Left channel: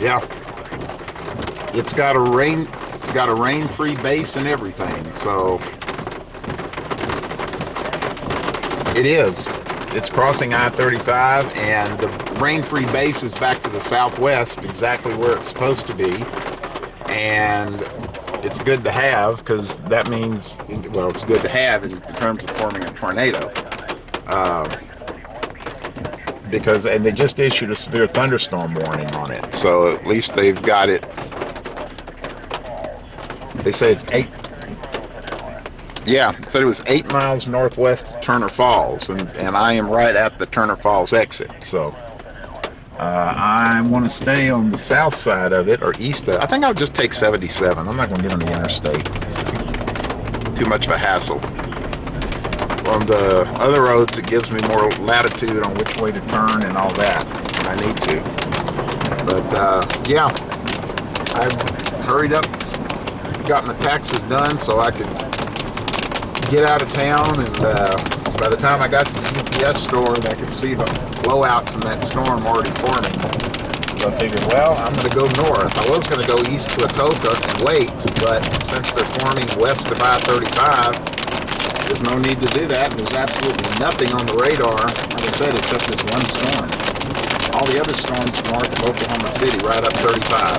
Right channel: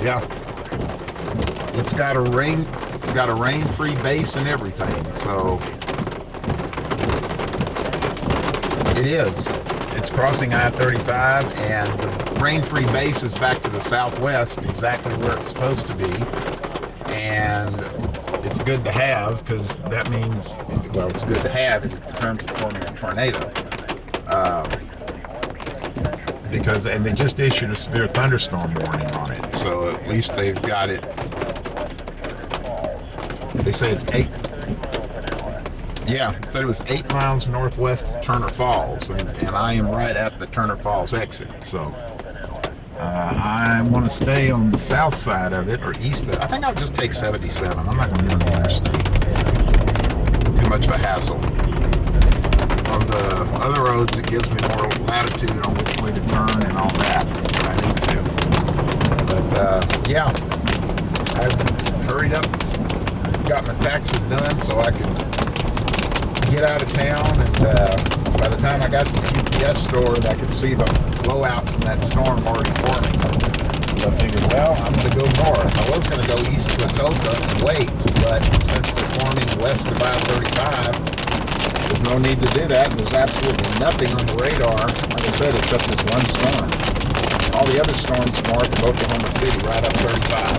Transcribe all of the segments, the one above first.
Yeah, it's got a rain-free base and everything. So it is. It's crossing I-35, and the rain-free base is back to the southwest, exactly where it's supposed to be. And it's good to have, because that means, well, it's good to have in terms of forming a tornado. And they just issued a severe thunderstorm warning on it, so at least they've got it. They say it's 8. Yeah, it said it was 8 miles northwest of Turner Falls, and I am right at the Turner Falls exit. So I want to stay on the south side of it, or east of. I think I'll just take 77. I'm not going to get on the interstate. It's too much of a hassle. On the other roads, it gives me more latitude on which way to turn and all that if I need to. But yeah, I hurried up, got my taxes done so I could get out of town, and by the time I got to the UPS store, I could see the blowout from that storm already forming. So I figured, well, I'm going to go north. I was going to go east to Atoka and wait, but since they're forming west of I-35, there's no need to do that. There's absolutely nothing on the radar, like I said, except this one storm. All the other storms north of Oklahoma City, right up 35.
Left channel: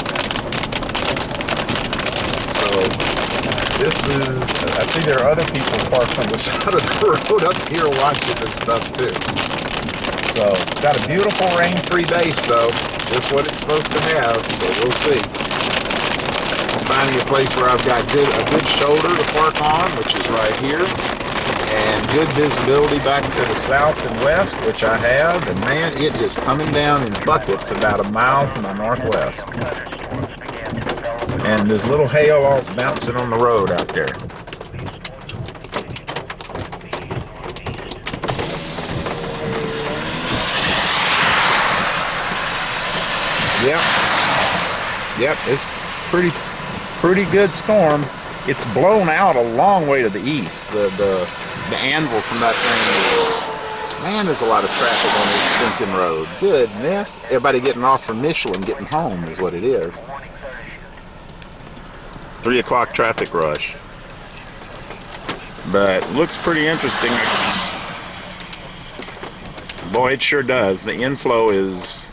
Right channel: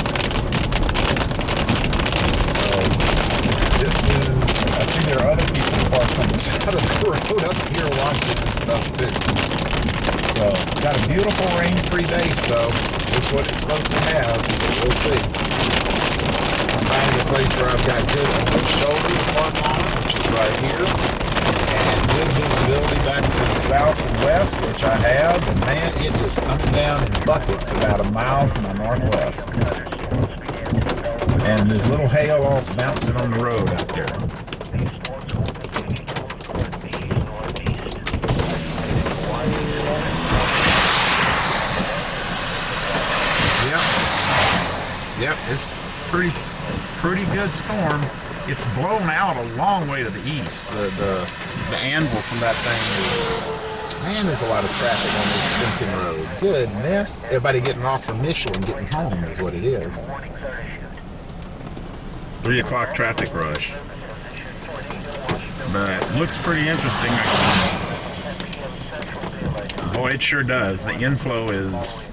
So this is, I see there are other people parked on the side of the road up here watching this stuff too. So it's got a beautiful rain-free base though. Just what it's supposed to have, so we'll see. I'm finding a place where I've got a good shoulder to park on, which is right here. And good visibility back to the south and west, which I have. And man, it is coming down in buckets about a mile from the northwest. And there's little hail all bouncing on the road out there. Yep, it's pretty good storm. It's blown out a long way to the east. The anvil from that thing is, man, there's a lot of traffic on this stinking road. Goodness. Everybody getting off from Michelin getting home is what it is. 3 o'clock traffic rush. But looks pretty interesting. Boy, it sure does. The inflow is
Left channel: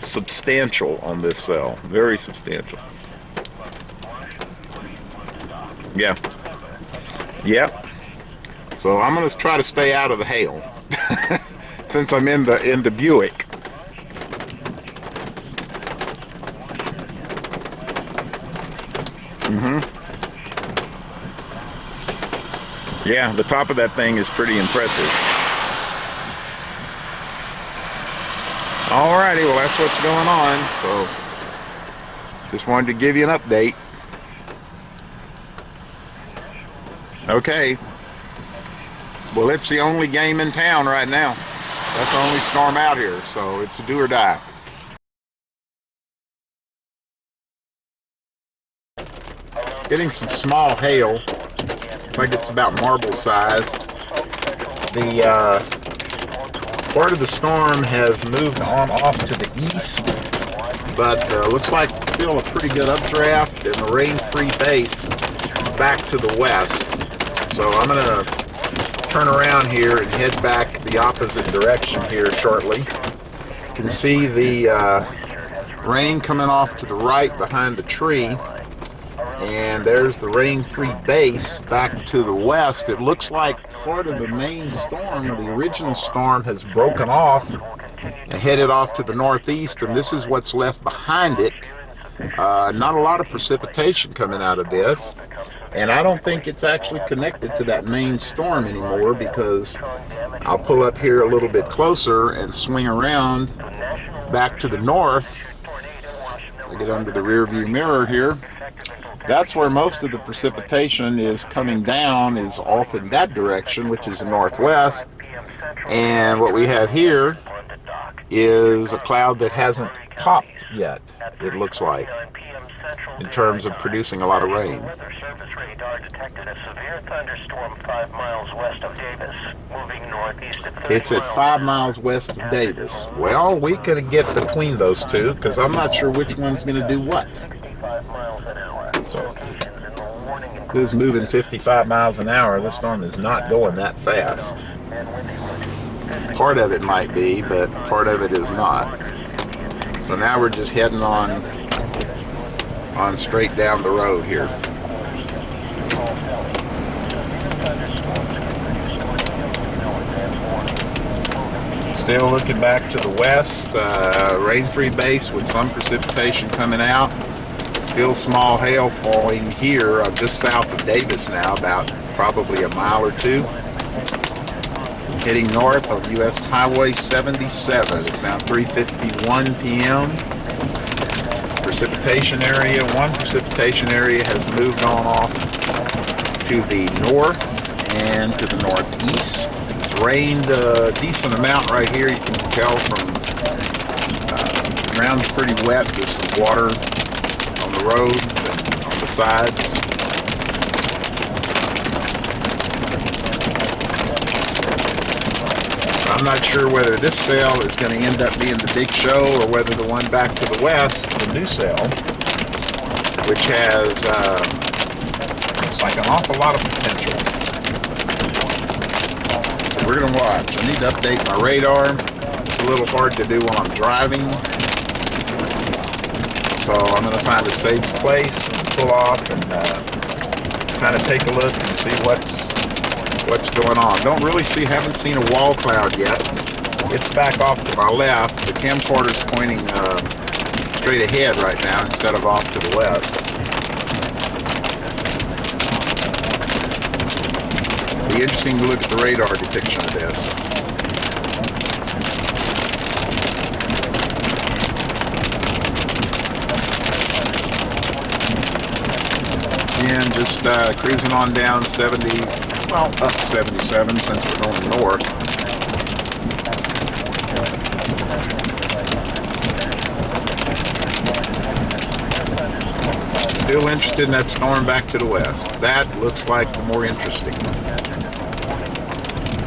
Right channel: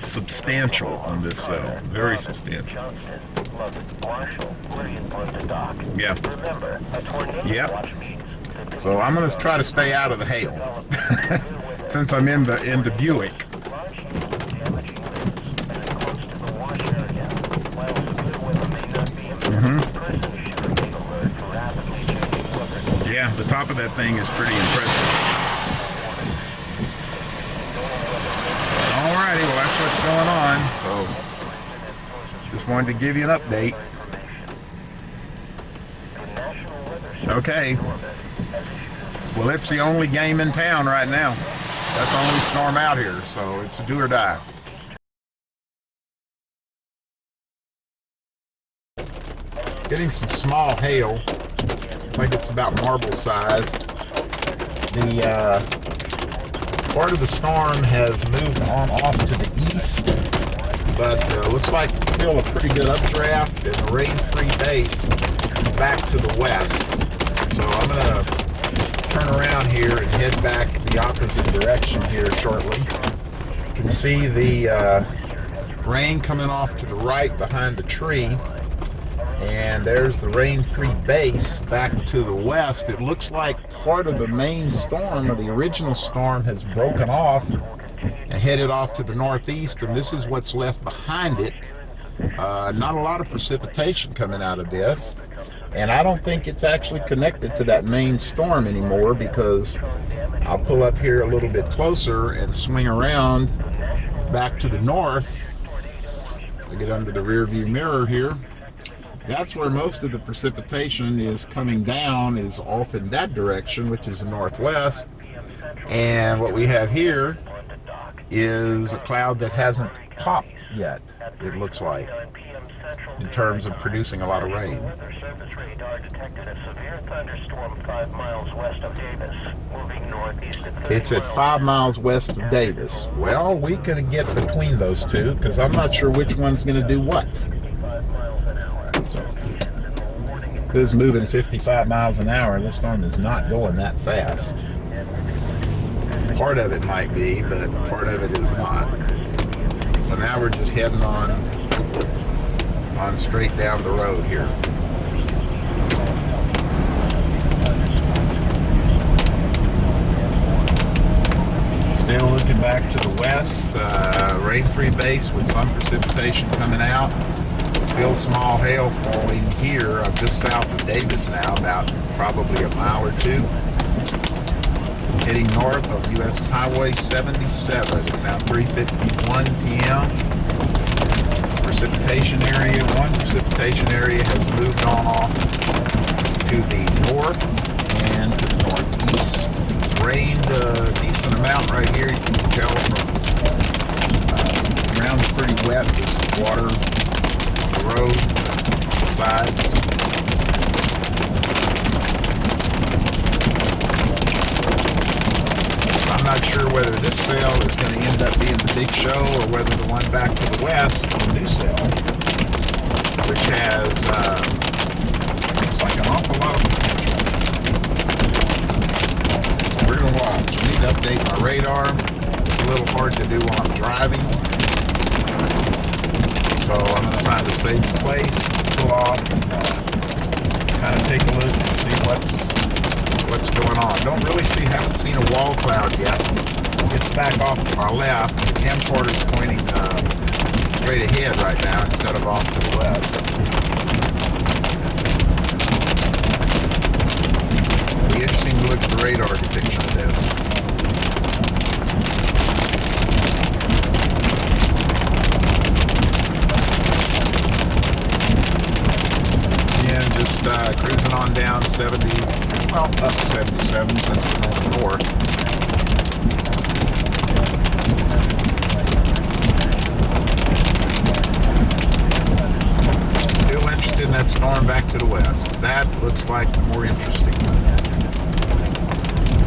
substantial on this cell. Very substantial. Yeah. Yep. So I'm gonna try to stay out of the hail since I'm in the Buick. Yeah, the top of that thing is pretty impressive. Alrighty, well that's what's going on. So just wanted to give you an update. Okay. Well, it's the only game in town right now. That's the only storm out here, so it's a do or die. Getting some small hail. I think it's about marble size. The part of the storm has moved on off to the east, but looks like still a pretty good updraft and a rain-free base back to the west. So I'm gonna turn around here and head back the opposite direction here shortly. You can see the rain coming off to the right behind the tree. And there's the rain-free base back to the west. It looks like part of the main storm, or the original storm, has broken off and headed off to the northeast, and this is what's left behind it. Not a lot of precipitation coming out of this, and I don't think it's actually connected to that main storm anymore, because I'll pull up here a little bit closer and swing around back to the north. I get under the rear view mirror here. That's where most of the precipitation is coming down, is off in that direction, which is the northwest. And what we have here is a cloud that hasn't popped yet, it looks like, in terms of producing a lot of rain. Weather Service radar detected a severe thunderstorm 5 miles west of Davis, moving northeast at 30 It's at 5 miles west of Davis. Well, we could get between those two, because I'm not sure which one's going to do what. 65 miles an hour. So, this is moving 55 miles an hour. This storm is not going that fast. Part of it might be, but part of it is not. So now we're just heading on straight down the road here. Still looking back to the west, rain-free base with some precipitation coming out. Still small hail falling here just south of Davis now, about probably a mile or two. Heading north on US Highway 77. It's now 3:51 p.m. Precipitation area, one precipitation area has moved on off to the north and to the northeast. It's rained a decent amount right here. You can tell from the ground's pretty wet. There's some water on the roads and on the sides. I'm not sure whether this cell is going to end up being the big show or whether the one back to the west, the new cell, which has looks like an awful lot of potential. So we're going to watch. I need to update my radar. It's a little hard to do while I'm driving. So I'm going to find a safe place, pull off, and kind of take a look and see what's going on. Haven't seen a wall cloud yet. It's back off to my left. The camcorder's pointing straight ahead right now instead of off to the west. It'll be interesting to look at the radar depiction of this. Again, just cruising on down 70. Well, up 77 since we're going north. Still interested in that storm back to the west. That looks like the more interesting one.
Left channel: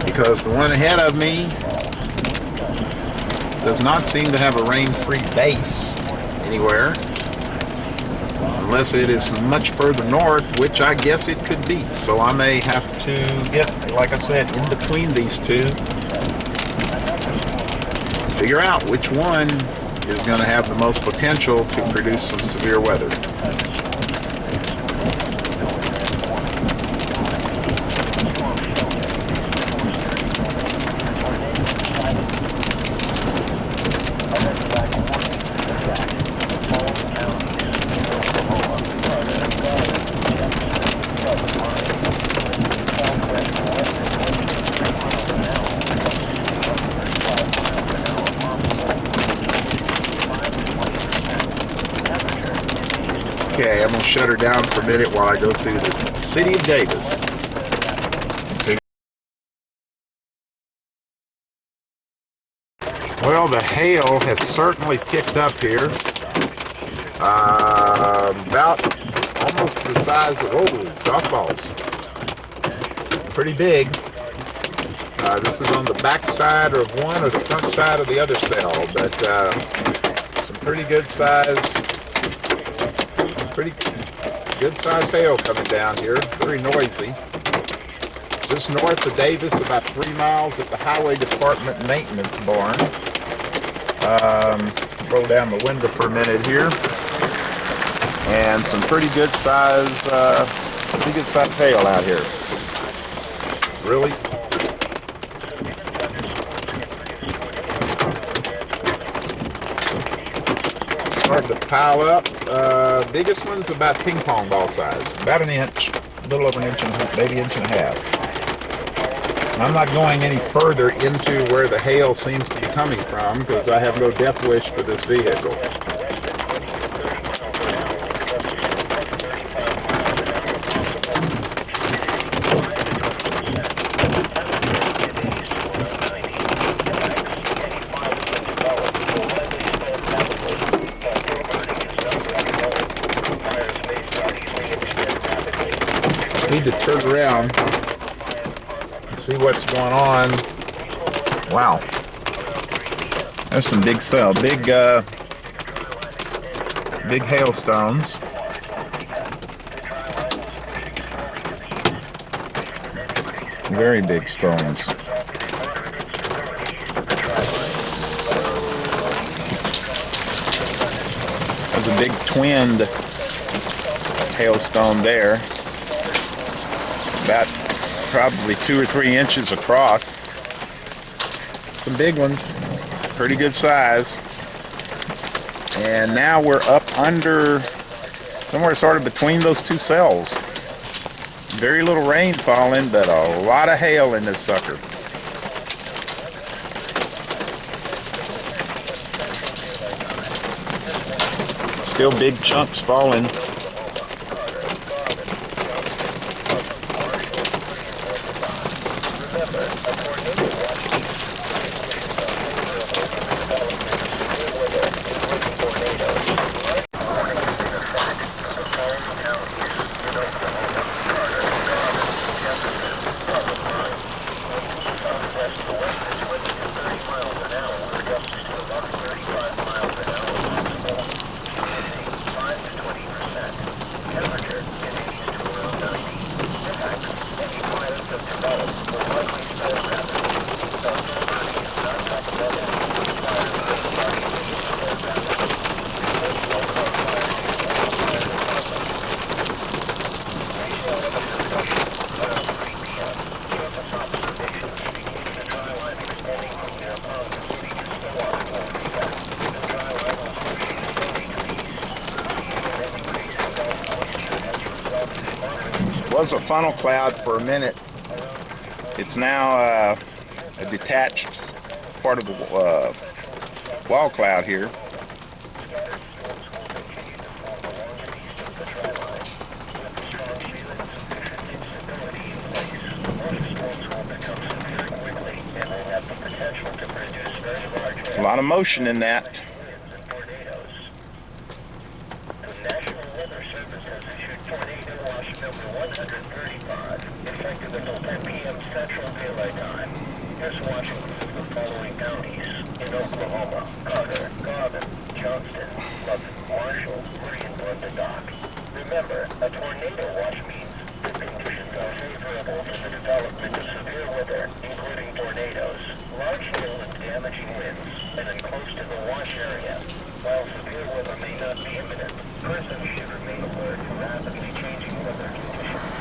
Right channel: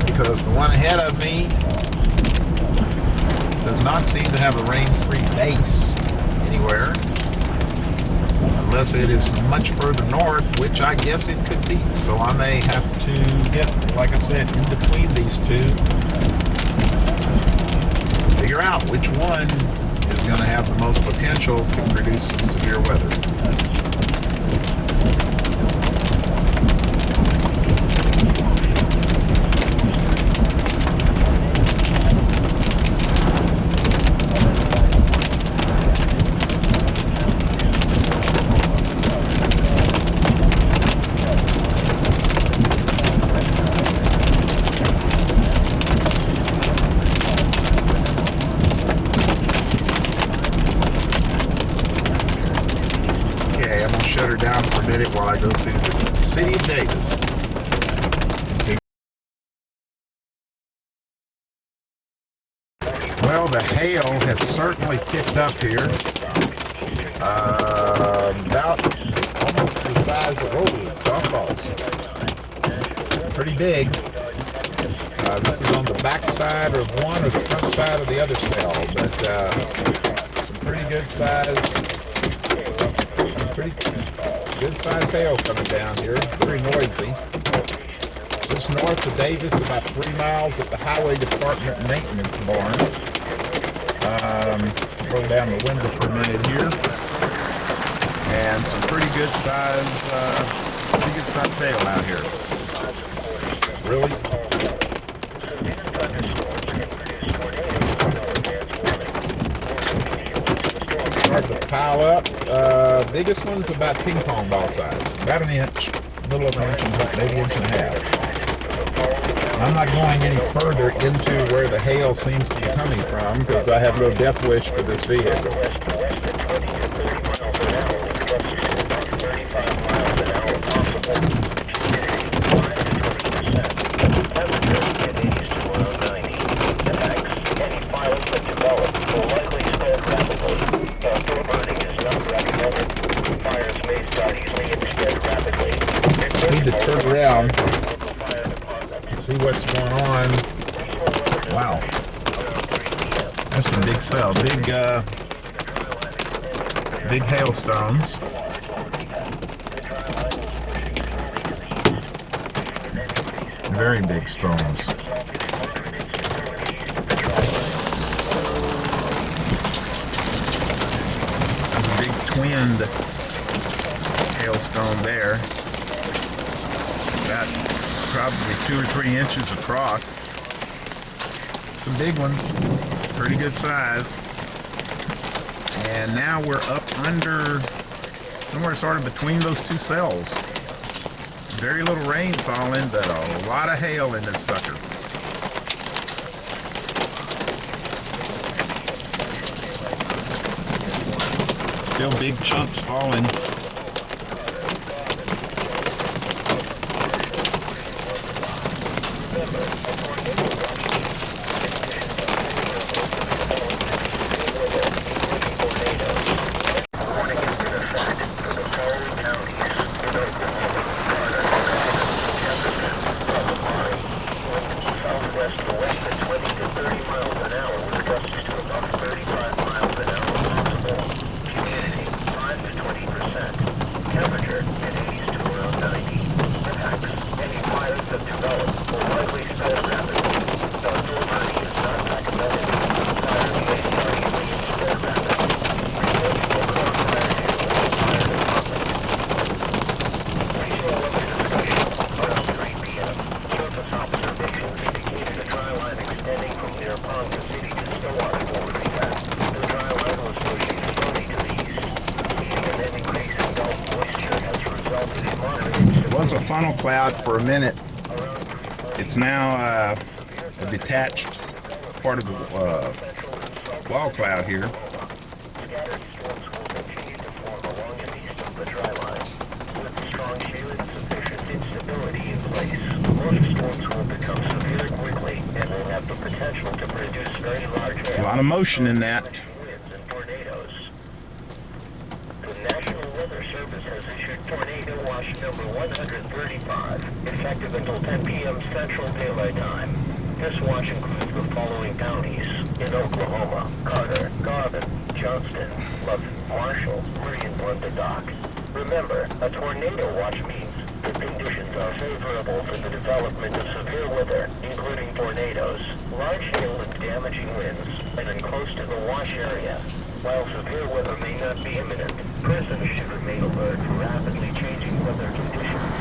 Because the one ahead of me does not seem to have a rain-free base anywhere. Unless it is much further north, which I guess it could be. So I may have to get, like I said, in between these two. Figure out which one is going to have the most potential to produce some severe weather. Okay, I'm going to shut her down for a minute while I go through the city of Davis. Well, the hail has certainly picked up here. About almost the size of, golf balls. Pretty big. This is on the back side of one or the front side of the other cell, but some pretty good size hail coming down here. Very noisy. Just north of Davis, about 3 miles at the Highway Department maintenance barn. Roll down the window for a minute here. And some pretty good size hail out here. Really? Starting to pile up. Biggest one's about ping pong ball size. About an inch, a little over an inch, maybe inch and a half. I'm not going any further into where the hail seems to be coming from because I have no death wish for this vehicle. to turn around and see what's going on. Wow. There's some big hailstones. Very big stones. There's a big twinned hailstone there, about probably 2 or 3 inches across. Some big ones, pretty good size. And now we're up under, somewhere sort of between those two cells. Very little rain falling, but a lot of hail in this sucker. Still big chunks falling. Was a funnel cloud for a minute. It's now a detached part of the wall cloud here. A lot of motion in that. Effective until 10 p.m. Central Daylight Time. This watch includes the following counties in Oklahoma: Carter, Garvin, Johnston, Lovett, Marshall, Murray, and Dock. Remember, a tornado watch means the conditions are favorable for the development of severe weather, including tornadoes, large hail and damaging winds, and then close to the watch area. While severe weather may not be imminent, persons should remain alert for rapidly changing weather conditions.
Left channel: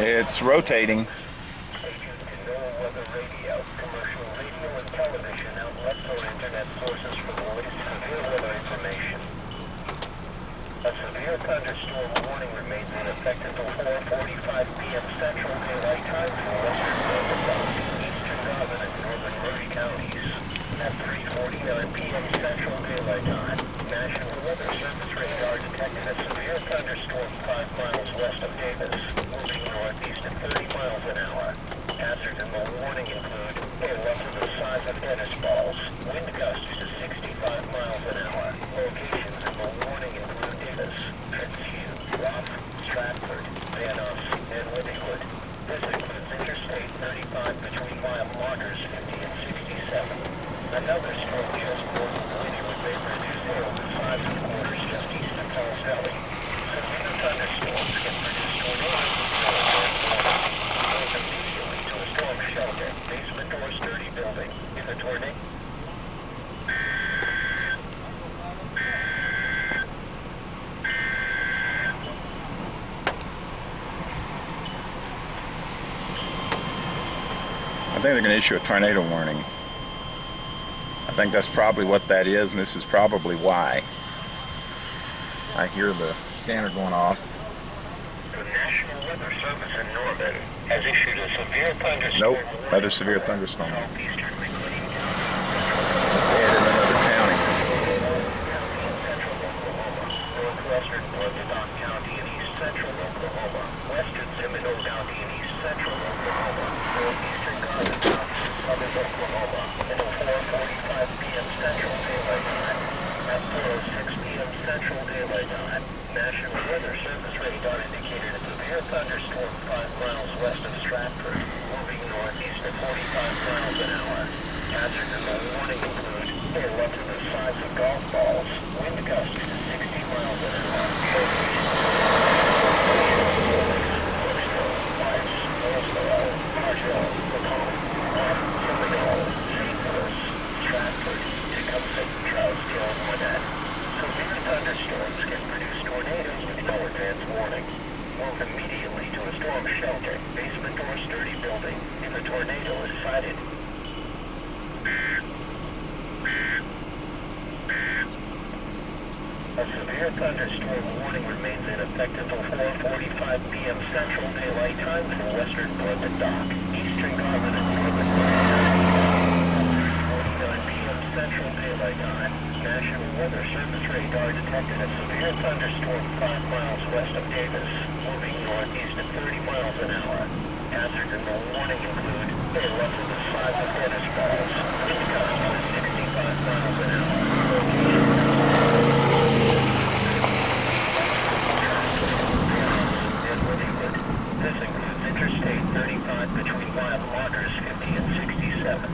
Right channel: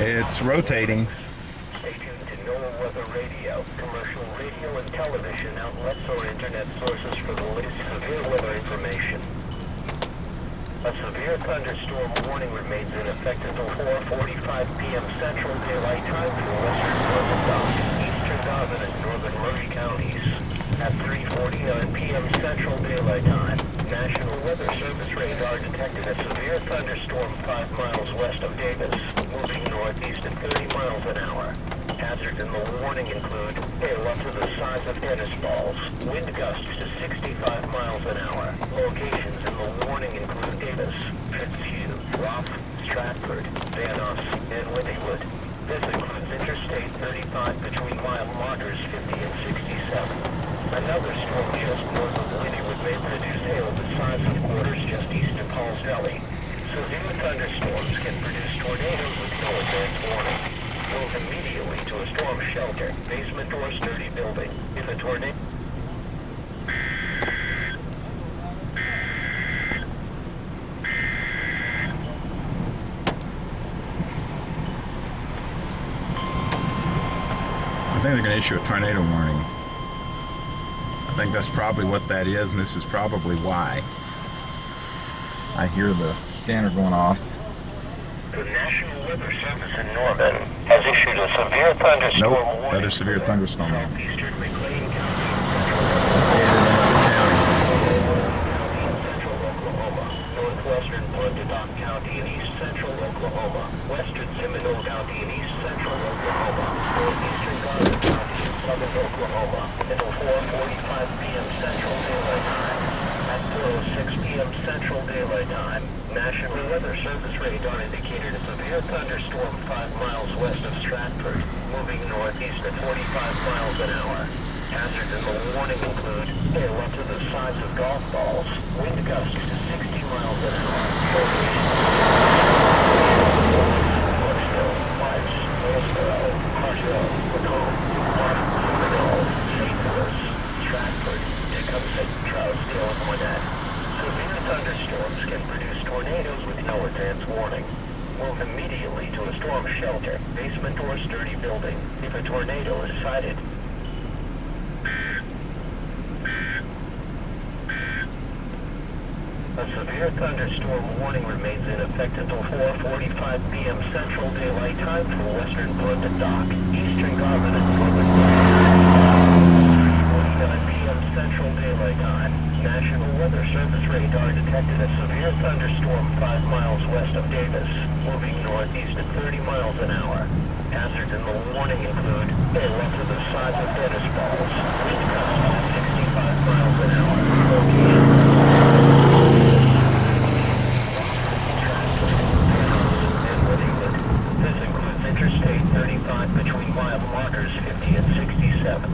It's rotating. Stay tuned to NOAA Weather Radio, commercial radio and television outlets or internet sources for the latest severe weather information. A severe thunderstorm warning remains in effect until 4:45 p.m. Central Daylight Time for western Arbuckle, eastern Garvin, and northern Murray counties. At 3:49 p.m. Central Daylight Time, National Weather Service radar detected a severe thunderstorm 5 miles west of Davis, moving northeast at 30 miles an hour. Hazards in the warning include hail up to the size of tennis balls, wind gusts to 65 miles an hour. Locations in the warning include Davis, Fitzhugh, Roth, Stratford, Van Nuys, and Wittingwood. This includes Interstate 35 between mile markers 50 and 67. Another storm just north of Wittingwood may produce hail the size of quarters just east of Paul's Valley. Severe thunderstorms can produce tornadoes with no advance warning. Move immediately to a storm shelter, basement or sturdy building. If a tornado... I think they're going to issue a tornado warning. I think that's probably what that is, and this is probably why. I hear the scanner going off. The National Weather Service in Norman has issued a severe thunderstorm warning. Nope, another severe thunderstorm. Southeastern McLean County. Central Oklahoma, northwestern Dock County and east central Oklahoma, western Seminole County and east central Oklahoma, northeastern Garvin County and southern Oklahoma, until 4:45 p.m. Central Daylight Time. At 4:06 p.m. Central Daylight Time, National Weather Service radar indicated a severe thunderstorm 5 miles west of Stratford, moving northeast at 45 miles an hour. Hazards in the warning include hail up to the size of golf balls, wind gusts to 60 miles an hour. Thunderstorms can produce tornadoes with no advance warning. Move immediately to a storm shelter, basement or sturdy building if a tornado is sighted. A severe thunderstorm warning remains in effect until 4:45 p.m. Central Daylight Time for western London Dock, eastern Garland and northern 4:49 p.m. Central Daylight Time. National Weather Service radar detected a severe thunderstorm 5 miles west of Davis, moving northeast at 30 miles an hour. Hazards in the warning include hail up to the size of tennis balls, wind gusts at 65 miles an hour. This includes Interstate 35 between mile markers 50 and 67.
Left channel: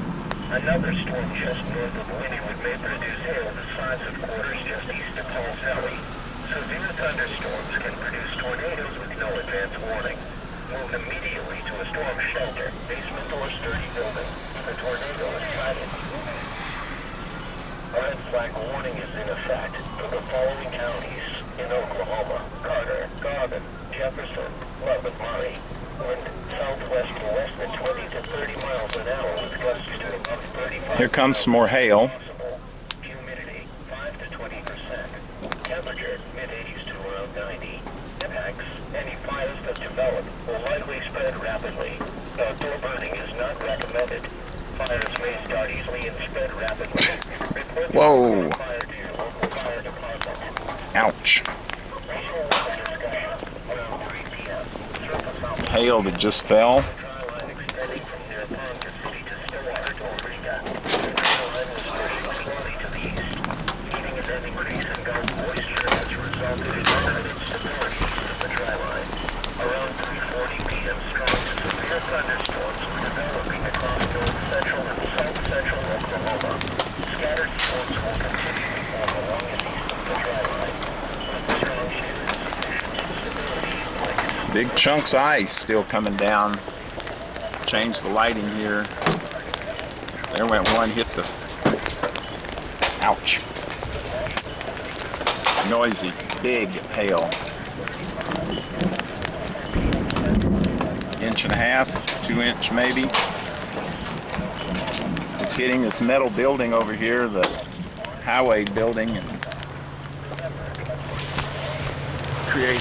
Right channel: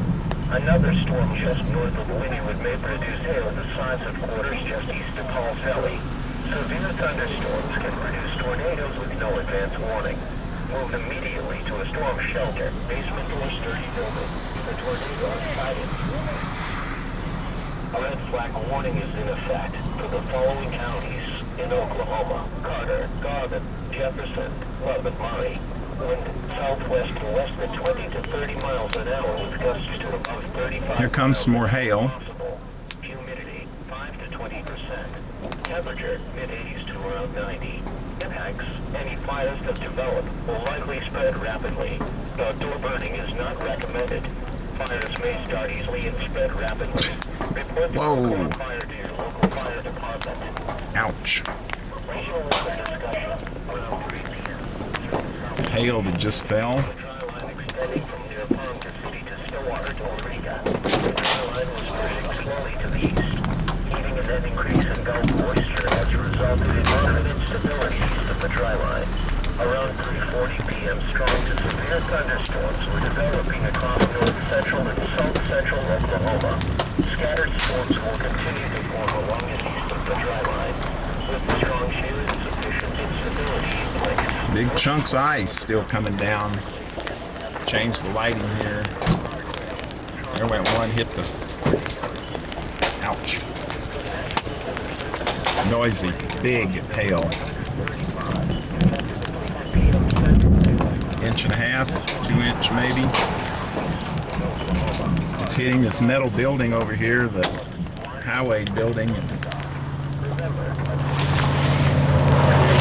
Another storm just north of Wynnewood may produce hail the size of quarters just east of Paul's Valley. Severe thunderstorms can produce tornadoes with no advance warning. Move immediately to a storm shelter, basement or sturdy building. The tornado is sighted. A red flag warning is in effect for the following counties in Oklahoma: Carter, Garvin, Jefferson, Love and Murray. Wind southwest to less than 20 to 30 miles an hour with gusts to above 35. Here comes some more hail. Humidity 5 to 20%. Temperature mid-80s to around 90. Impacts: any fires that develop will likely spread rapidly. Outdoor burning is not recommended. Fires may start easily and spread rapidly. Report Whoa. fire to your local fire department. Ouch. Regional weather discussion around 3 p.m. Hail that just fell. Extending from near Palm City to Stillwater to Eureka. The trail line is pushing slowly to the east. Heating and an increase in Gulf moisture has resulted in limited instability east of the dry line. Around 3:40 p.m. strong to severe thunderstorms were developing across north central and south central Oklahoma. Scattered storms will continue to form along and east of the dry line, with strong shade and sufficient instability in place. Big chunks of ice still coming down. Change the lighting here. There went one, hit the... Ouch. Noisy, big hail. 1.5 inches, 2 inch maybe. It's hitting this metal building over here, the highway building, and creating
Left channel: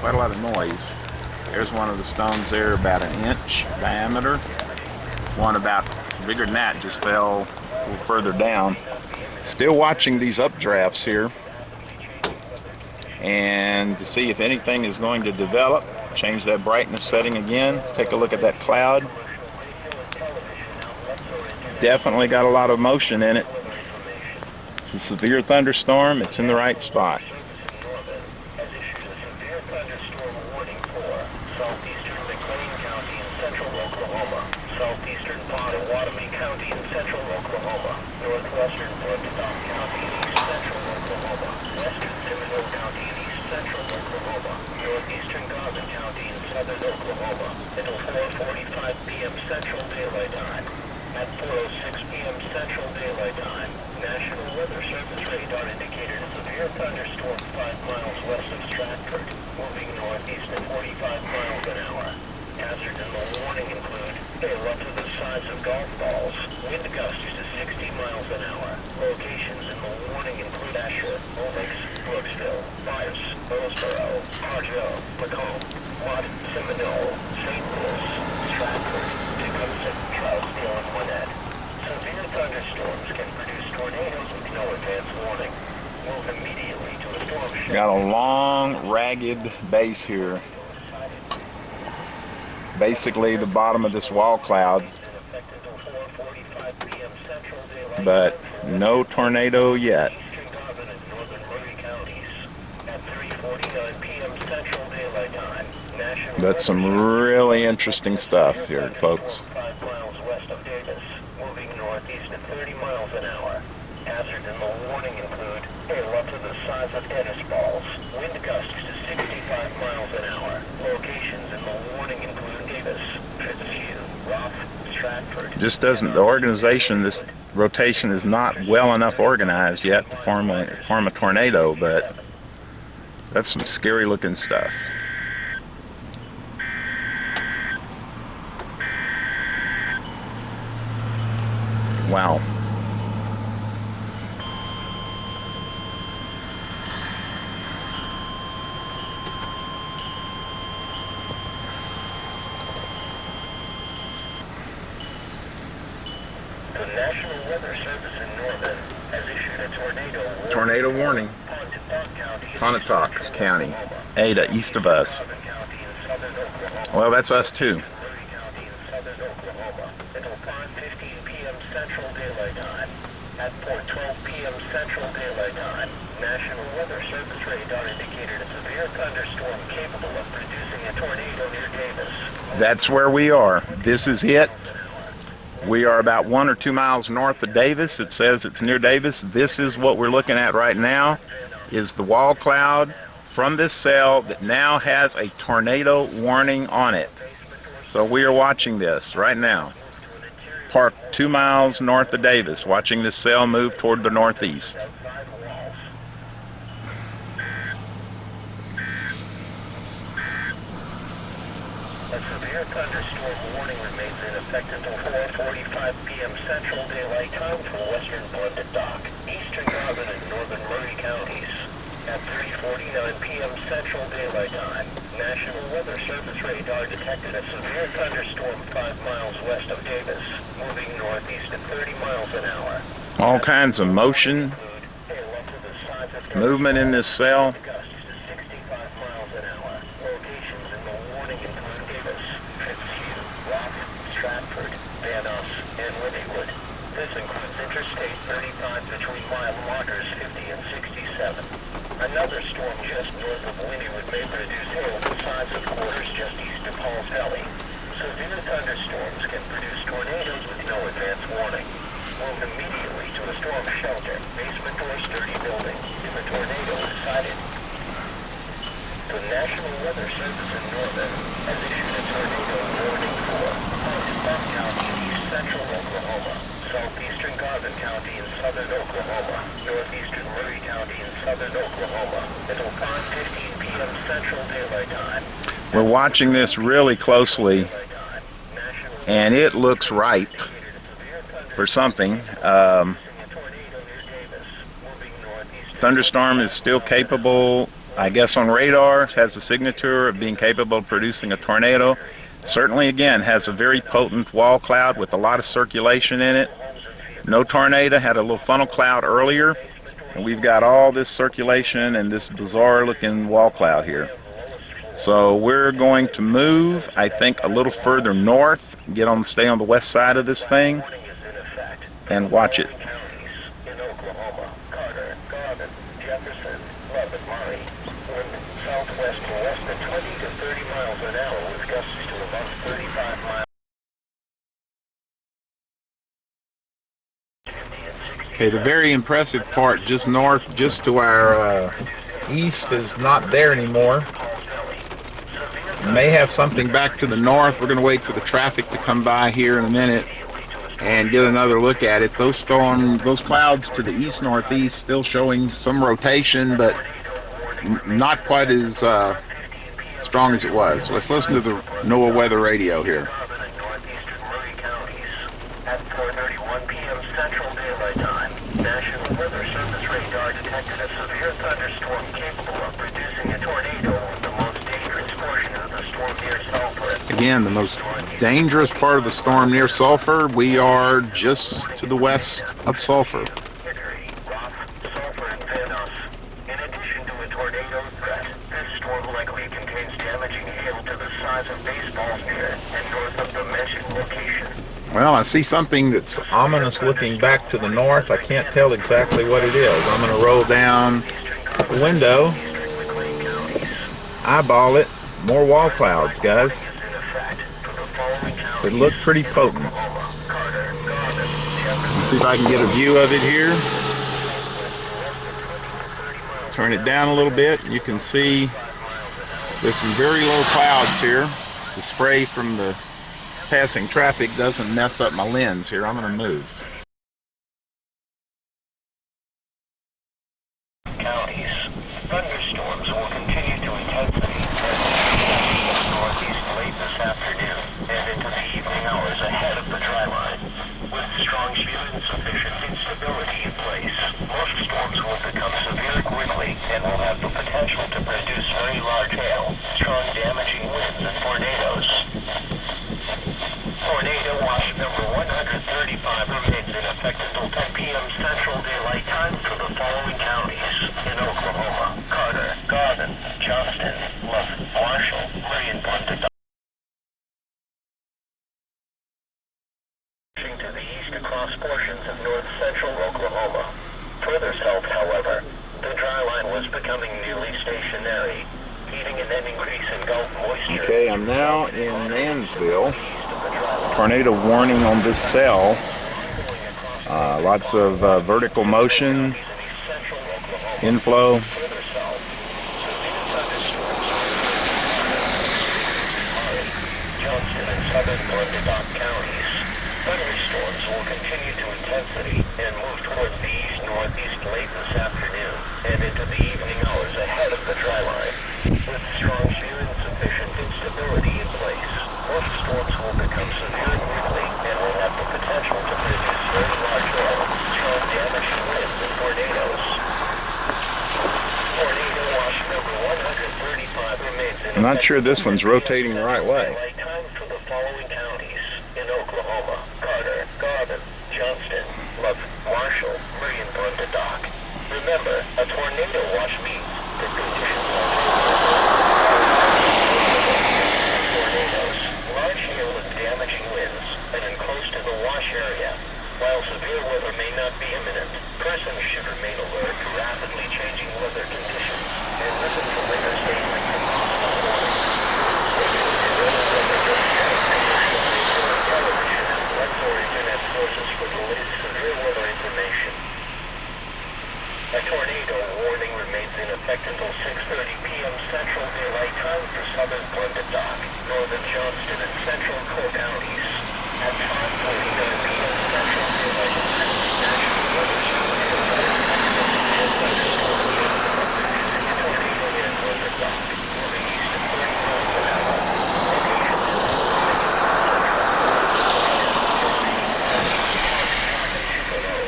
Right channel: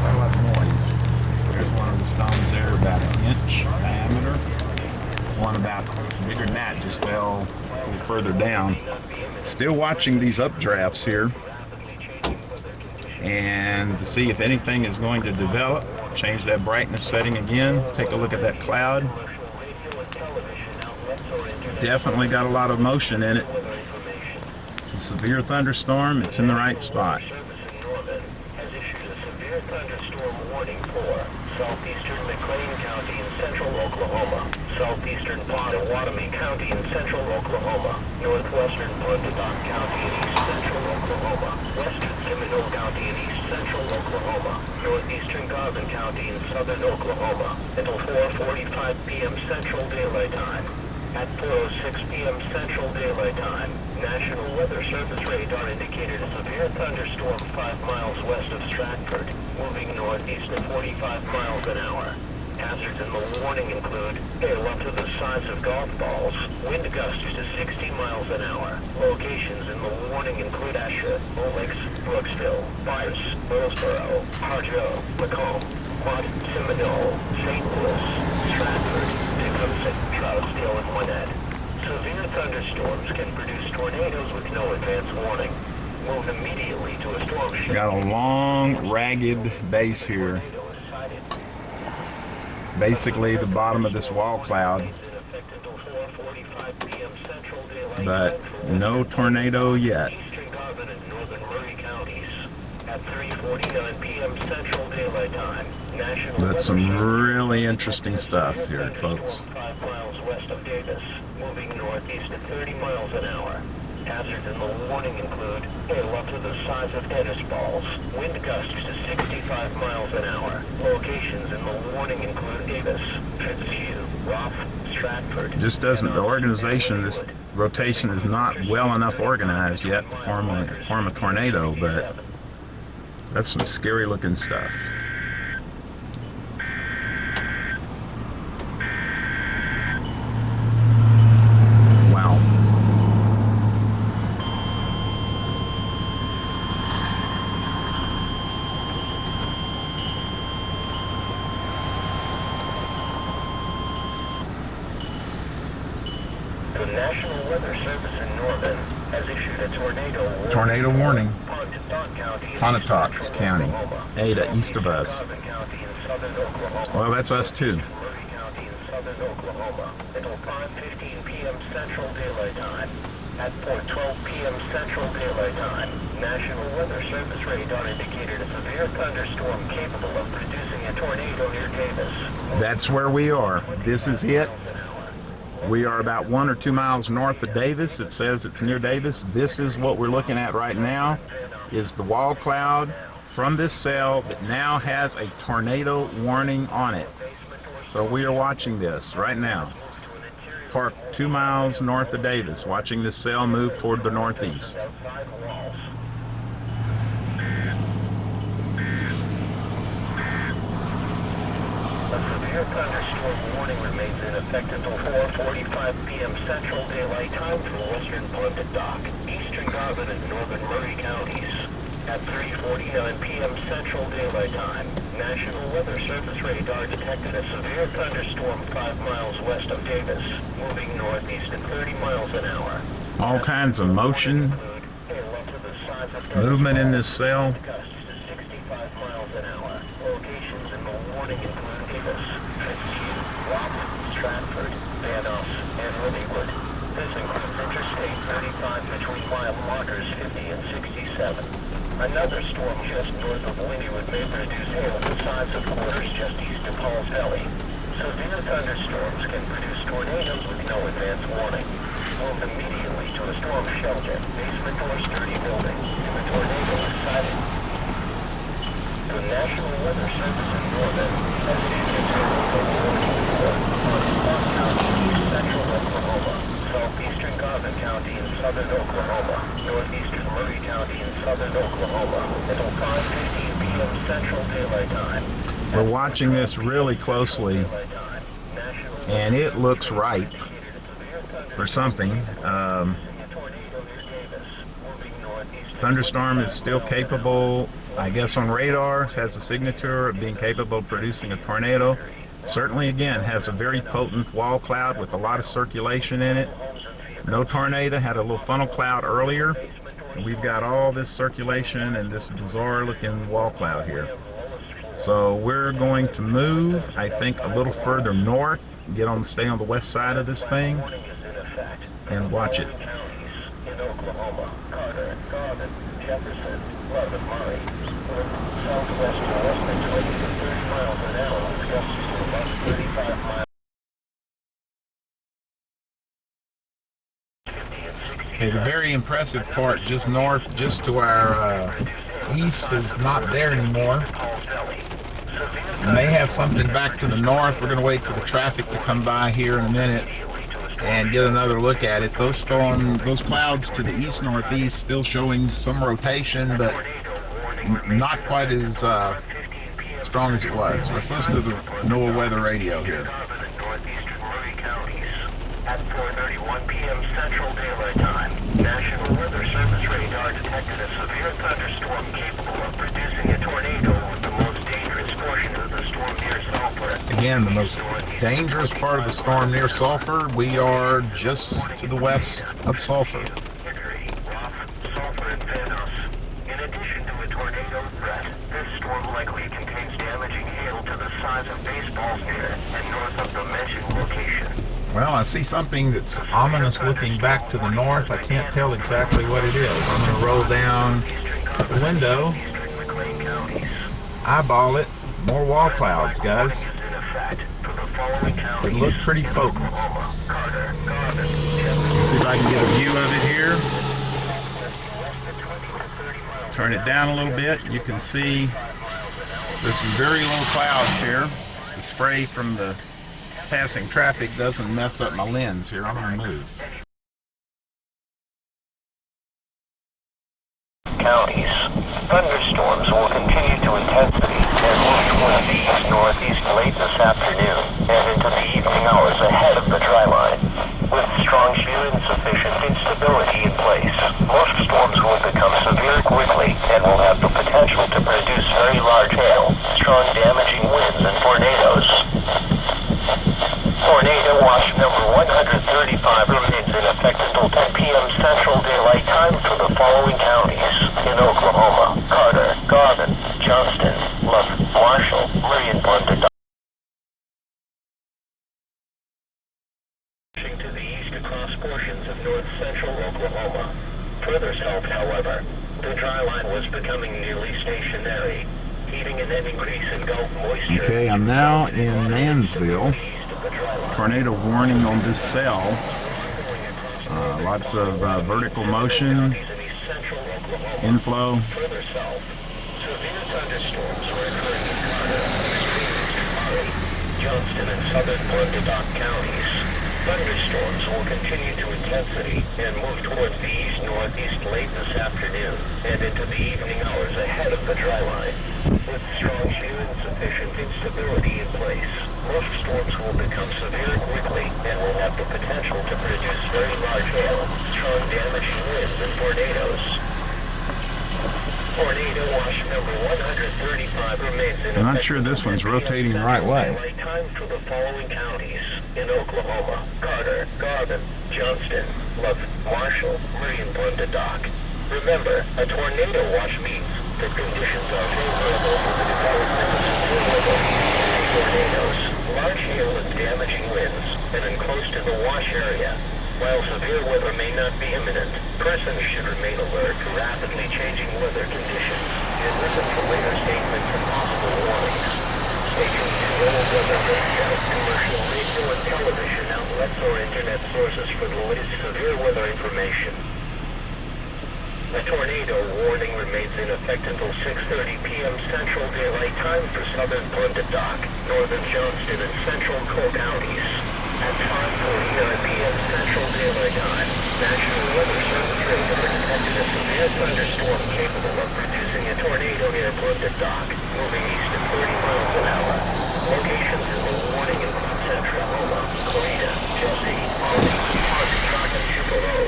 quite a lot of noise. There's one of the stones there about 1 inch diameter. One about bigger than that just fell a little further down. Still watching these updrafts here, and to see if anything is going to develop. Change that brightness setting again. Take a look at that cloud. It's definitely got a lot of motion in it. It's a severe thunderstorm. It's in the right spot. Southeastern Pottawatomie County in central Oklahoma, northwestern Bundadon County in east central Oklahoma, western Seminole County in east central Oklahoma, northeastern Garvin County in southern Oklahoma, until 4:45 p.m. Central Daylight Time. At 4:06 p.m. Central Daylight Time, National Weather Service radar indicated a severe thunderstorm 5 miles west of Stratford, moving northeast at 45 miles an hour. Hazards in the warning include hail up to the size of golf balls, wind gusts to 60 miles an hour. Locations in the warning include Asher, Olex, Brooksville, Myers, Hillsboro, Harjo, Macomb, Mott, Seminole, St. Louis, Stratford, Dickson, Charlesdale, and Gwinnett. Severe thunderstorms can produce tornadoes with no advance warning. Move immediately to a storm shelter. Got a long, ragged base here. Basically the bottom of this wall cloud, but no tornado yet. Eastern Garvin and northern Murray counties. At But some really interesting stuff here, folks. 5 miles west of Davis, moving northeast at 30 miles an hour. Hazards in the warning include hail up to the size of tennis balls, wind gusts to 65 miles an hour. Locations in the warning include Davis, Fitzhugh, Roth, Stratford. Just doesn't, the organization, this rotation is not well enough organized yet to form a tornado, but that's some scary looking stuff. Wow. The National Weather Service in Norman has issued a Tornado warning. Pontotoc County, Ada, east of us. Well, that's us too. Until 5:15 p.m. Central Daylight Time. At 4:12 p.m. Central Daylight Time, National Weather Service radar indicated a severe thunderstorm capable of producing a tornado near Davis. That's where we are. This is it. We are about 1 or 2 miles north of Davis. It says it's near Davis. This is what we're looking at right now, is the wall cloud from this cell that now has a tornado warning on it. So we are watching this right now. Parked 2 miles north of Davis, watching this cell move toward the northeast. Thunderstorm warning remains in effect until 4:45 p.m. Central Daylight Time for western Pontotoc, eastern Garvin, and northern Murray counties. At 3:49 p.m. Central Daylight Time, National Weather Service radar detected a severe thunderstorm 5 miles west of Davis, moving northeast at 30 miles an hour. All kinds of motion, movement in this cell. This includes interstate 35 between mile markers 50 and 67. Another storm just north of Wynnewood may produce hail the size of quarters just east of Halls Valley. Severe thunderstorms can produce tornadoes with no advance warning. Move immediately to a storm shelter, basement or sturdy building, if a tornado is sighted. The National Weather Service in Norman has issued a tornado warning for Arbuckle County, east central Oklahoma, southeastern Garvin County in southern Oklahoma, northeastern Murray County in southern Oklahoma, until 5:15 p.m. Central Daylight Time. We're watching this really closely, and it looks ripe for something. Thunderstorm is still capable, I guess, on radar, has a signature of being capable of producing a tornado. Certainly, again, has a very potent wall cloud with a lot of circulation in it. No tornado, had a little funnel cloud earlier, and we've got all this circulation and this bizarre looking wall cloud here. So we're going to move, I think, a little further north, stay on the west side of this thing, and watch it. In Oklahoma, Carter, Garvin, Jefferson, Love, and Murray, southwest to less than 20 to 30 miles an hour with gusts to about 35 miles. Okay, the very impressive part just north, just to our east, is not there anymore. May have something back to the north. We're going to wait for the traffic to come by here in a minute and get another look at it. Those clouds to the east northeast still showing some rotation, but not quite as strong as it was. So let's listen to the NOAA weather radio here. At 4:31 p.m. Central Daylight Time, National Weather Service radar detected a severe thunderstorm capable of producing a tornado over the most dangerous portion of the storm near Sulphur. Again, the most dangerous part of the storm near Sulphur. We are just to the west of Sulphur. Sulphur and Vanos. In addition to a tornado threat, this storm likely contains damaging hail to the size of baseballs near and north of the mentioned location. Well, I see something that's ominous looking back to the north. I can't tell exactly what it is. I'm going to roll down the window, eyeball it, More wall clouds, guys. It looked pretty potent. Let's see if I can get a view of it here. Turn it down a little bit. You can see there's some very low clouds here. The spray from the passing traffic doesn't mess up my lens here. I'm going to move. Counties. Thunderstorms will continue to intensity and move towards the east-northeast late this afternoon and into the evening hours ahead of the dry line. With strong shear and sufficient instability in place, most storms will become severe quickly and will have the potential to produce very large hail, strong damaging winds, and tornadoes. Tornado watch number 135 remains in effect until 10 p.m. Central Daylight Time for the following counties: in Oklahoma, Carter, Garvin, Johnston, Love, Marshall, Murray, and Blunt. To the east across portions of north-central Oklahoma. Further south, however, the dry line was becoming nearly stationary, heating an increase in Gulf moisture. Okay, I'm now in Mannsville. Tornado warning on this cell. Lots of vertical motion, inflow. Johnston and southern Blunt counties. Thunderstorms will continue to intensity and move towards the east-northeast late this afternoon and into the evening hours ahead of the dry line. With strong shear and sufficient instability in place, most storms will become severe quickly and will have the potential to produce very large hail, strong damaging winds, and tornadoes. Tornado watch number 135 remains in effect. I'm not sure this one's rotating the right way. Time for the following counties: in Oklahoma, Carter, Garvin, Johnston, Love, Marshall, Murray, and Blunt. Remember, a tornado watch means the conditions are favorable. Tornadoes, large hail and damaging winds, and then close to the wash area. While severe weather may not be imminent, persons should remain alert to rapidly changing weather conditions and listen for later statements and possible warnings. Stay tuned to weather websites, commercial radio and television outlets or internet sources for the latest severe weather information. A tornado warning remains in effect until 6:30 p.m. Central Daylight Time for southern Blunt, northern Johnston, and central Cook counties. At 10:47 p.m. Central Daylight Time, National Weather Service reports and thunderstorms producing a tornado near Blunt, moving east at 30 miles an hour. Locations in the warning in central Florida, Jersey, Atoka, and Chicago.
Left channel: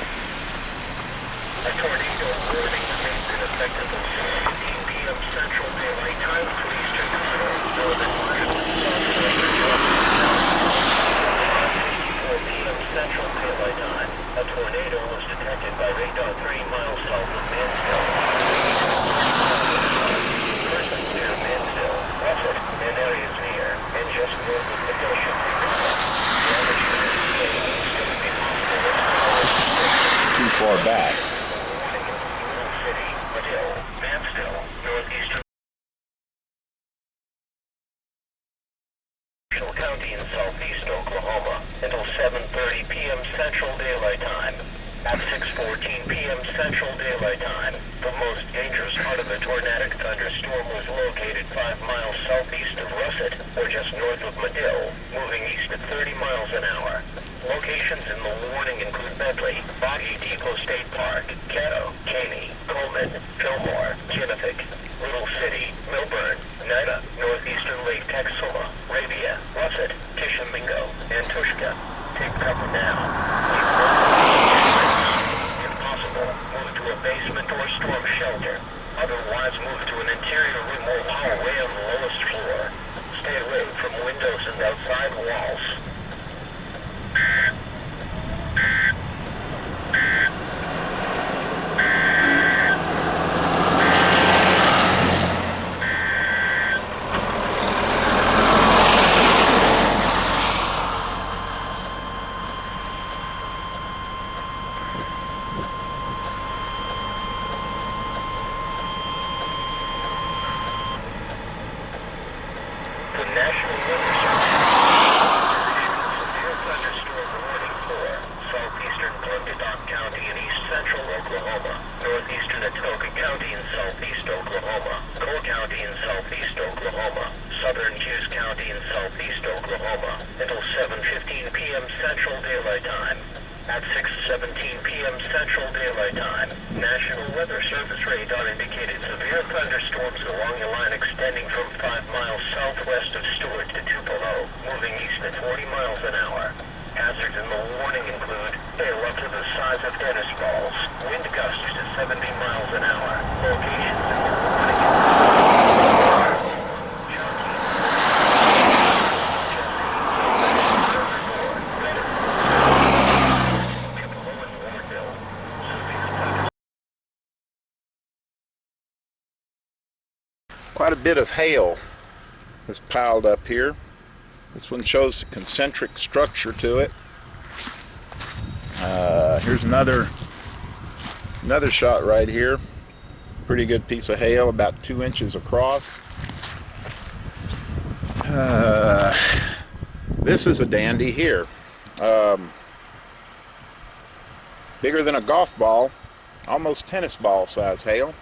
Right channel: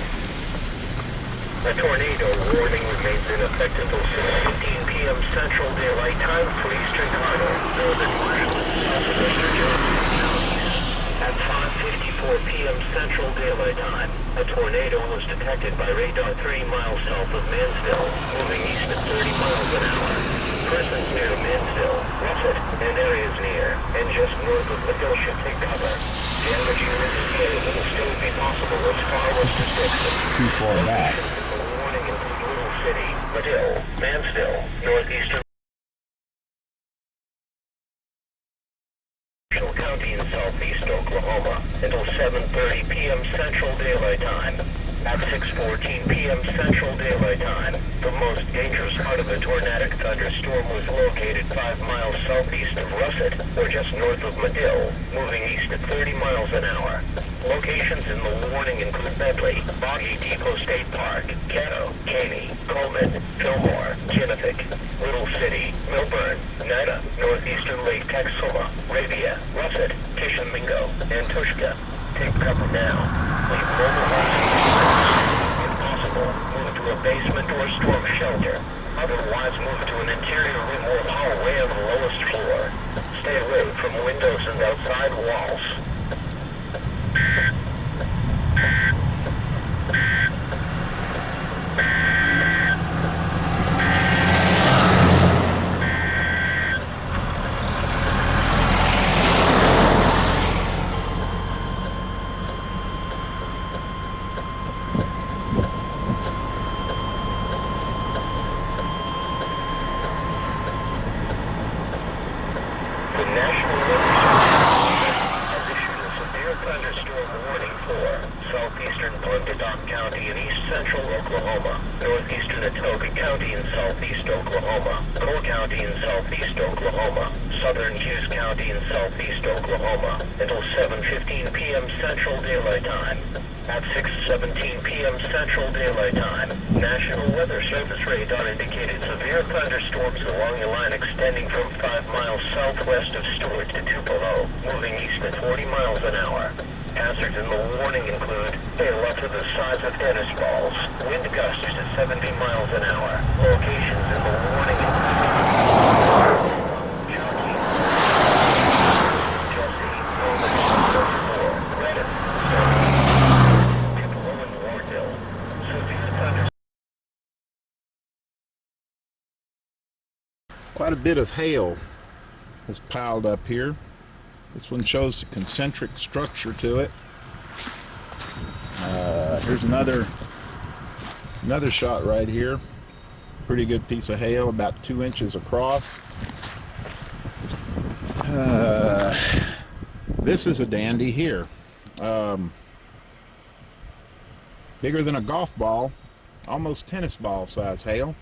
A tornado warning remains in effect until 6:15 p.m. Central Daylight Time for eastern Colorado, northern Marshall, at 5:54 p.m. Central Daylight Time. A tornado was detected by radar 3 miles south of Mannsville, moving east at 30 miles an hour. Persons near Mannsville, Russet, and areas near, and just north of Madill should take cover. Damage may still be possible as Too far back. Madill, Mannsville, northeastern County in southeast Oklahoma until 7:30 p.m. Central Daylight Time. At 6:14 p.m. Central Daylight Time, the most dangerous part of the tornadic thunderstorm was located 5 miles southeast of Russet, or just north of Madill, moving east at 30 miles an hour. Locations in the warning include Bentley, Boggy Depot State Park, Caddo, Caney, Coleman, Fillmore, Kinnifick, Little City, Milburn, Nida, northeastern Lake Texoma, Rabia, Russet, Tishomingo, and Tushka. Take cover now. If possible, move to a basement or storm shelter. Otherwise, move to an interior room or hallway on the lowest floor. Stay away from windows and outside walls. National Weather Service has issued a severe thunderstorm warning for southeastern Blunderdon County in east central Oklahoma, northeastern Atoka County in southeast Oklahoma, Cole County in southeast Oklahoma, southern Hughes County in southeast Oklahoma, until 7:15 p.m. Central Daylight Time. At 6:17 p.m. Central Daylight Time, National Weather Service radar indicated severe thunderstorms along a line extending from 5 miles southwest of Stewart to Tupelo, moving east at 40 miles an hour. Hazards in the warning include hail up to the size of tennis balls, wind gusts to 70 miles an hour. Locations in the warning include Quite a bit of hail is piled up here. This one shows a concentric structure to it. Here's another shot right here. Pretty good piece of hail, about 2 inches across. This is a dandy here. Bigger than a golf ball, almost tennis ball size hail.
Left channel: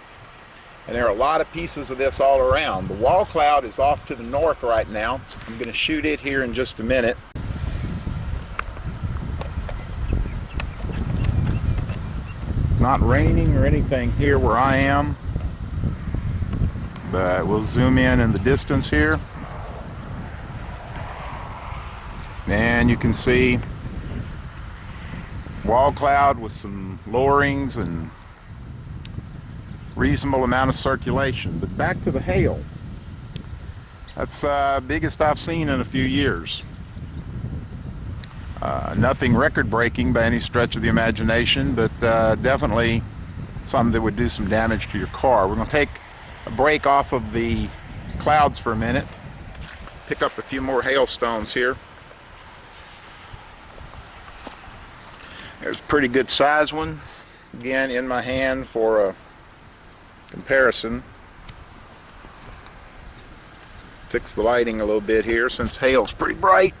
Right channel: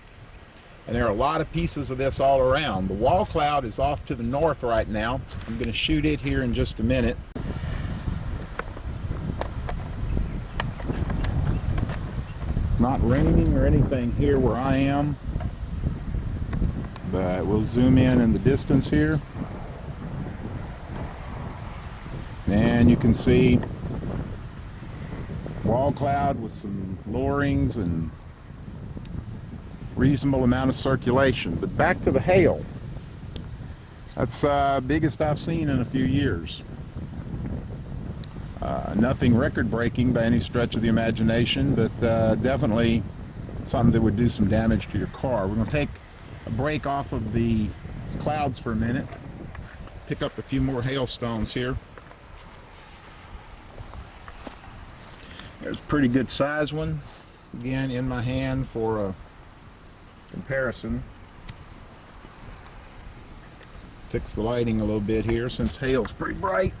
And there are a lot of pieces of this all around. The wall cloud is off to the north right now. I'm going to shoot it here in just a minute. Not raining or anything here where I am, but we'll zoom in the distance here. And you can see wall cloud with some lowerings and reasonable amount of circulation. But back to the hail. That's biggest I've seen in a few years. Nothing record-breaking by any stretch of the imagination, but definitely something that would do some damage to your car. We're going to take a break off of the clouds for a minute, pick up a few more hailstones here. There's a pretty good size one, again in my hand for a comparison. Fix the lighting a little bit here since hail's pretty bright.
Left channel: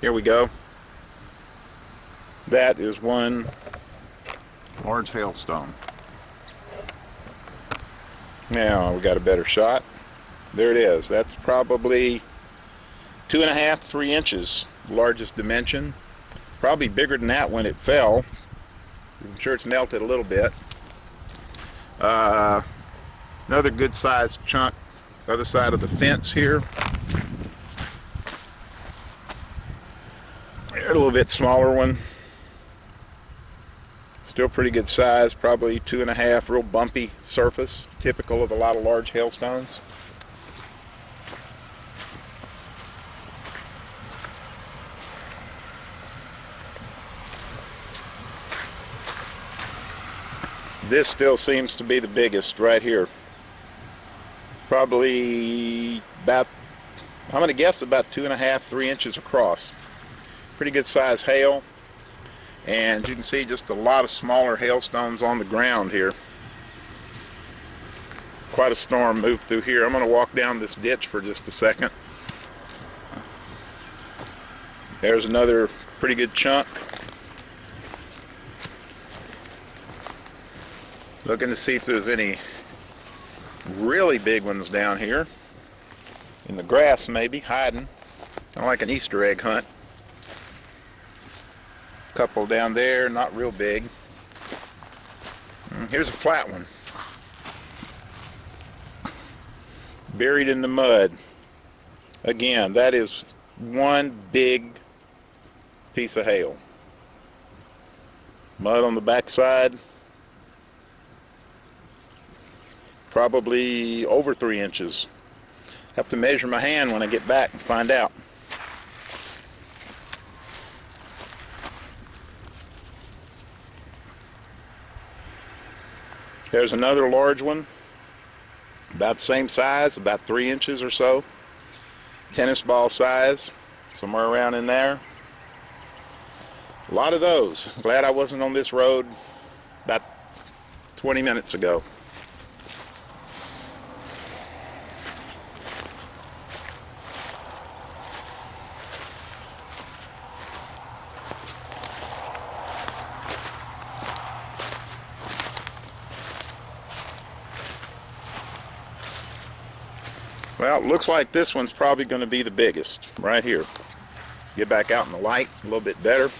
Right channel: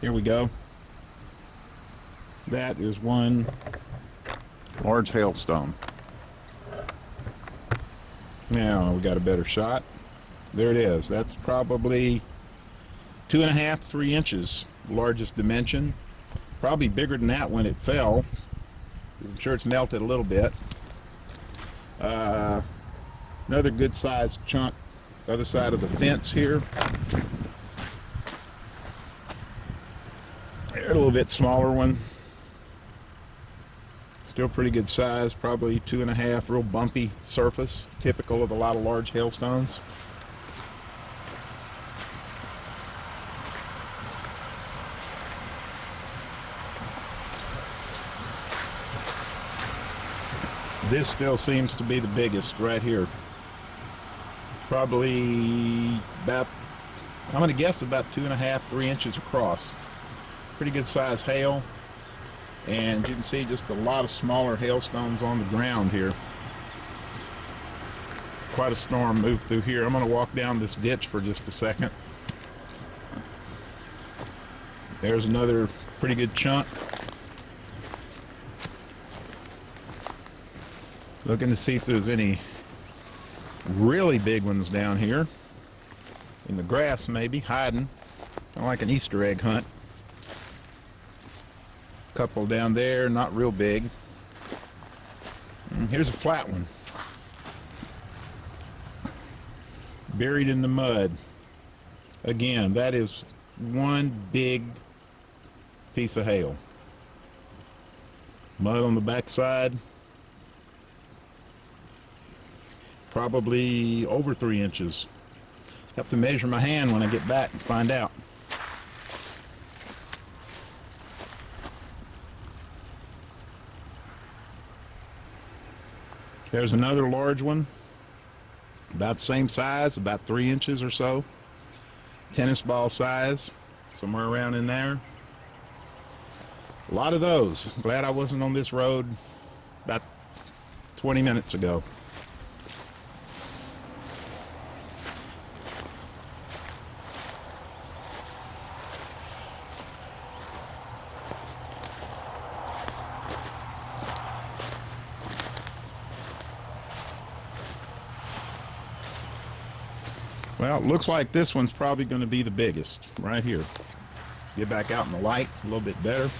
Here we go. That is one large hailstone. Now we got a better shot. There it is. That's probably 2.5 to 3 inches, largest dimension. Probably bigger than that when it fell. I'm sure it's melted a little bit. Another good sized chunk the other side of the fence here. A little bit smaller one. Still pretty good size, probably 2.5, real bumpy surface, typical of a lot of large hailstones. This still seems to be the biggest right here. Probably about, I'm going to guess about 2.5, 3 inches across. Pretty good size hail. And you can see just a lot of smaller hailstones on the ground here. Quite a storm moved through here. I'm going to walk down this ditch for just a second. There's another pretty good chunk. Looking to see if there's any really big ones down here. In the grass maybe, hiding. Kind of like an Easter egg hunt. Couple down there, not real big. Here's a flat one. Buried in the mud. Again, that is one big piece of hail. Mud on the backside. Probably over 3 inches. Have to measure my hand when I get back and find out. There's another large one, about the same size, about 3 inches or so. Tennis ball size, somewhere around in there. A lot of those. Glad I wasn't on this road about 20 minutes ago. Well, it looks like this one's probably going to be the biggest right here. Get back out in the light a little bit better.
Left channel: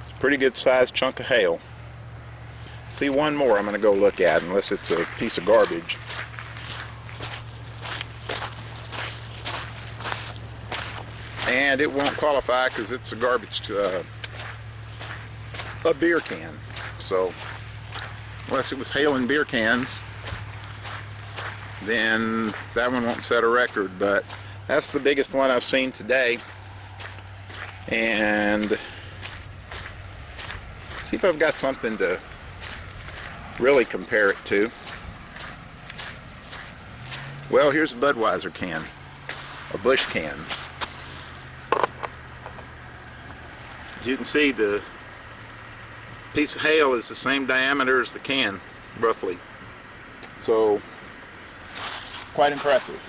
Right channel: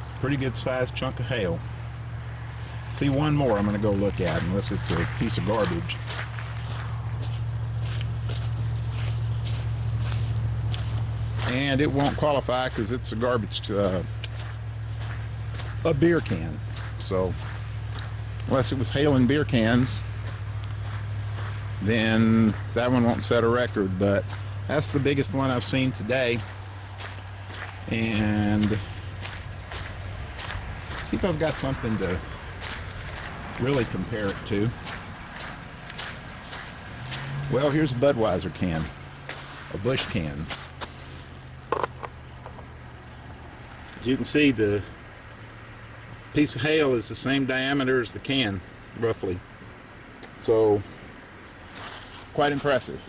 It's a pretty good sized chunk of hail. See one more I'm going to go look at, unless it's a piece of garbage. And it won't qualify because it's a garbage, a beer can. So unless it was hail in beer cans, then that one won't set a record. But that's the biggest one I've seen today. And see if I've got something to really compare it to. Well, here's a Budweiser can, a Busch can. As you can see, the piece of hail is the same diameter as the can, roughly. So, quite impressive.